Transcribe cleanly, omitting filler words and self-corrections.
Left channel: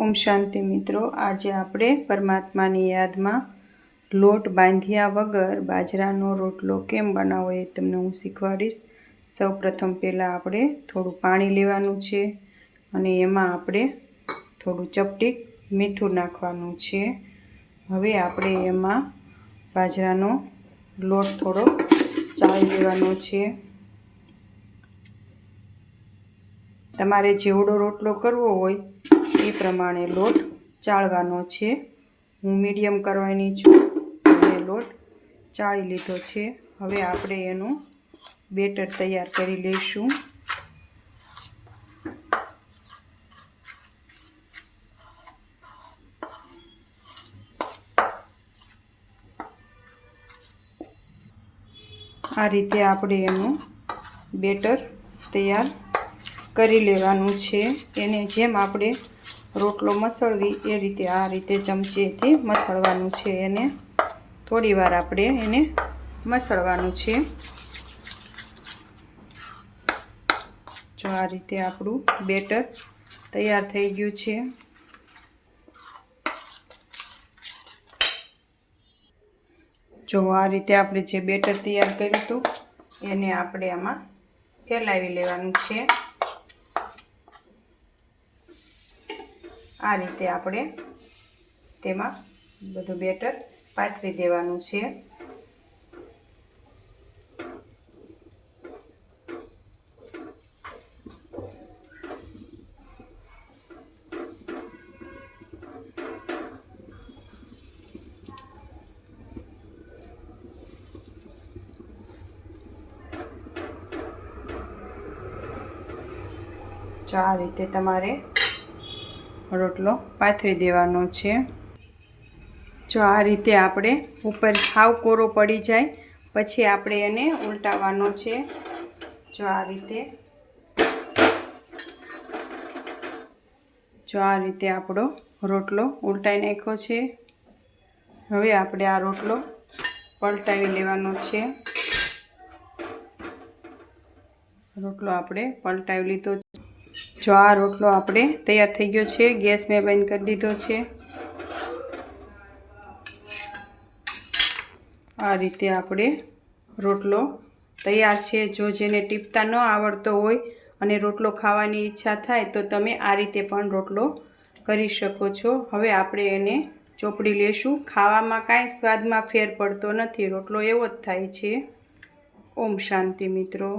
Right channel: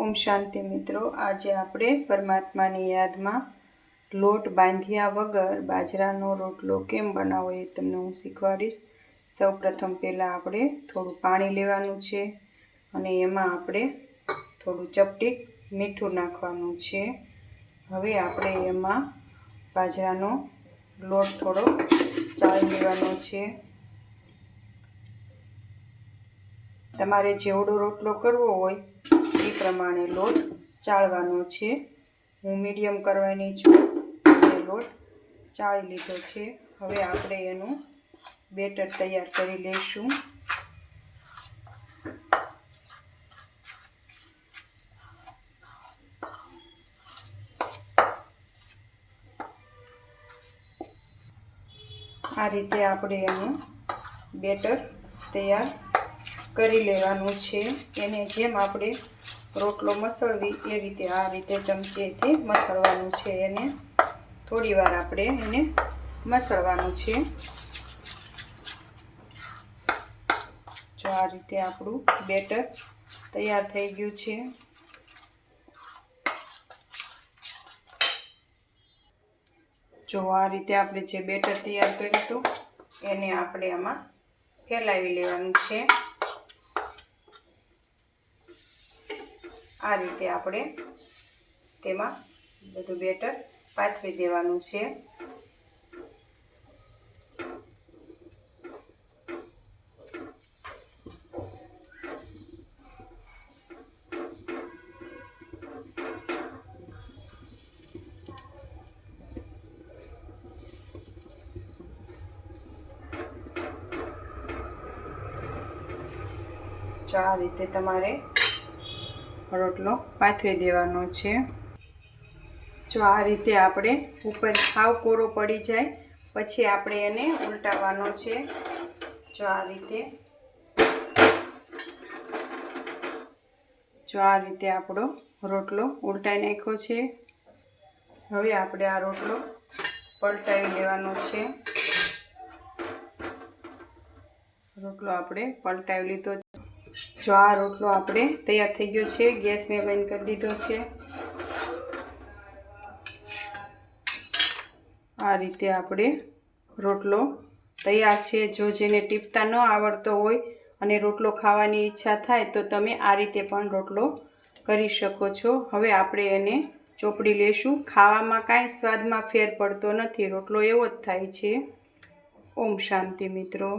ओम शांति मित्रों, आज आपणे परमात्मानी यादमां लोट बांध्या वगर बाજરાનો रोटलो केम बनावવો એ તમને હું શીખવાડીશ। સૌ પ્રથમ પહેલાં આપણે થોડું પાણી લેવાનું છે અને એમાં આપણે થોડું ચપટીક મીઠું નાખવાનું છે। હવે આપણે એમાં બાજરાનો લોટ થોડો ચાળી લેવાનો છે। તમારે જેવડો રોટલો કરવો હોય એ પ્રમાણે લોટ ચાળવાનો છે। હું મીડિયમ કરવાની છું અને લોટ ચાળી લીધો છે। હવે આપણે એનું બેટર તૈયાર કરી લઈશું। આ રીતે આપણે એનું બેટર તૈયાર કરી લેવાનું છે। એને જેમ આપણે રોટલો મસળવી એ રીતે આ રીતે ચમચીથી મસળવાનું છે। એને થોડી વાર આપણે એને મસળવાનું છે। જો આ રીતે આપણું બેટર તૈયાર થઈ ગયું છે। જો આ રીતે આપણે જે બેટર તૈયાર કર્યું હતું એને આપણે આમાં ફેલાવી લેવાનું છે। આ રીતે આપણે તેમાં બધું બેટર પાથરી દેવાનું છે। જો આ રીતે તમારે રોટલો પાથરી દેવાનો છે। જો આ રીતે આપણે ઉપર સાવ કોરો પડી જાય પછી આપણે એને ઉલટાવવાનો છે। જો આ રીતે આપણો રોટલો ઉલટાઈ નાખ્યો છે। હવે આપણે આ રોટલો પલટાવી લેવાનો છે। રોટલો આપણે પલટાવી લીધો। જો આ રોટલો આપણે તૈયાર થઈ ગયો છે। ગેસ મેં બંધ કરી દીધો છે। આ રીતે આપણે રોટલો તૈયાર છે। જો જેને ટીપતા ન આવડતો હોય અને રોટલો ખાવાની ઈચ્છા થાય તો તમે આ રીતે પણ રોટલો કરી શકો છો। હવે આપણે એને ચોપડી લેશું। ખાવામાં કાંઈ સ્વાદમાં ફેર પડતો નથી, રોટલો એવો જ થાય છે। ઓમ શાંતિ મિત્રો।